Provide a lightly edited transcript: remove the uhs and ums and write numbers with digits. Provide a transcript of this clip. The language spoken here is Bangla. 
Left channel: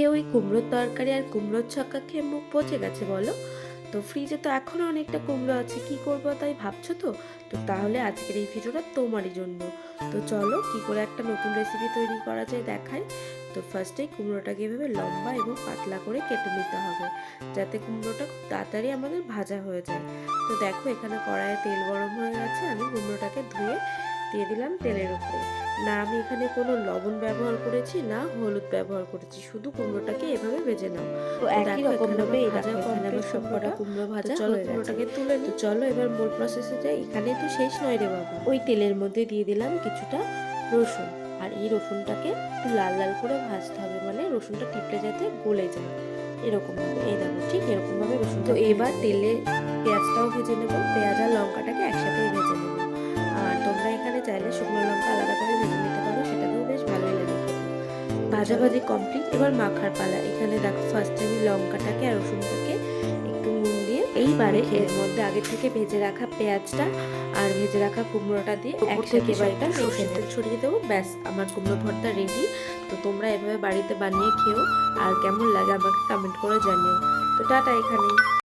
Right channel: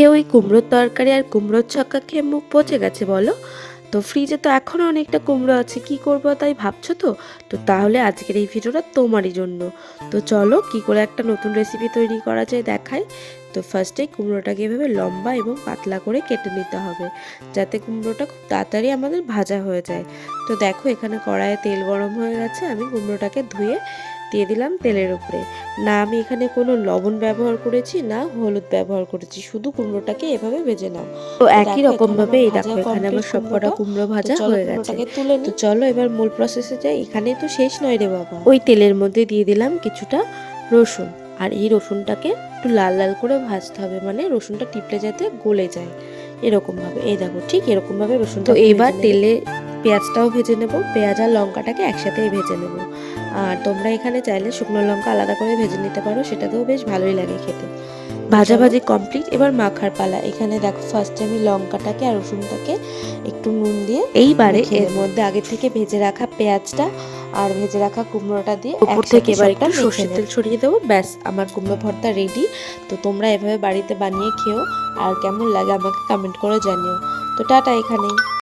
খেয়ে ওই কুমড়োর তরকারি আর কুমড়োর ছক্কা খেয়ে মুখ পচে গেছে বলো। তো ফ্রিজে তো এখনও অনেকটা কুমড়ো আছে, কি করব তাই ভাবছো তো? তো তাহলে আজকের এই ভিডিওটা তোমারই জন্য। তো চলো কি করে একটা নতুন রেসিপি তৈরি করা যায় দেখাই। তো ফার্স্টে কুমড়োটাকে এভাবে লম্বা এবং পাতলা করে কেটে নিতে হবে, যাতে কুমড়োটা খুব তাড়াতাড়ি আমাদের ভাজা হয়ে যায়। তো দেখো এখানে কড়াইয়ে তেল গরম হয়ে গেছে, আমি কুমড়োটাকে ধুয়ে দিয়ে দিলাম তেলের উপরে। না আমি এখানে কোনো লবণ ব্যবহার করেছি, না হলুদ ব্যবহার করেছি, শুধু কুমড়োটাকে এভাবে ভেজে নাও। তো একই রকম ভাবে এই দেখো এখানে আমার সবকটা কুমড়ো ভাজা হয়ে গেছে। তো চলো এবার মূল প্রসেসে যাই। এখানে তো শেষ নয় রে বাবা। ওই তেলের মধ্যে দিয়ে দিলাম কিছুটা রসুন, আর এই রসুনটাকে একটু লাল লাল করে ভাজতে হবে, মানে রসুনটা টিপলে যাতে গলে যায় এরকম ভাবে। এই দেখো ঠিক এরকম ভাবে রসুন। তো এবার তেলে পেঁয়াজটাও ভেজে নেব, পেঁয়াজ আর লঙ্কাটাকে একসাথেই ভেজে নেব। আর তোমরা এখানে চাইলে শুকনো লঙ্কা আলাদা করে ভেজে নিতে পারো, সেটাতেও বেশ ভালোই লাগে খেতে। ভাজাভাজি কমপ্লিট, এবার মাখার পালা। এখানে দেখো ফার্স্টে আমি লঙ্কাটাকে আর রসুনটাকে একটু নুন দিয়ে এইবারে এর মধ্যে আগে থেকে ভেজে রাখা পেঁয়াজটা আর ভেজে রাখা কুমড়োটা দিয়ে উপর থেকে এবার একটু সর্ষের তেল ছড়িয়ে দেবো। ব্যাস আমার কুমড়ো ভর্তা রেডি। তো তোমরা এভাবে বাড়িতে বানিয়ে খেও, আর কেমন লাগে আমাকে কমেন্ট করে জানিও। তো টাটা এখানেই।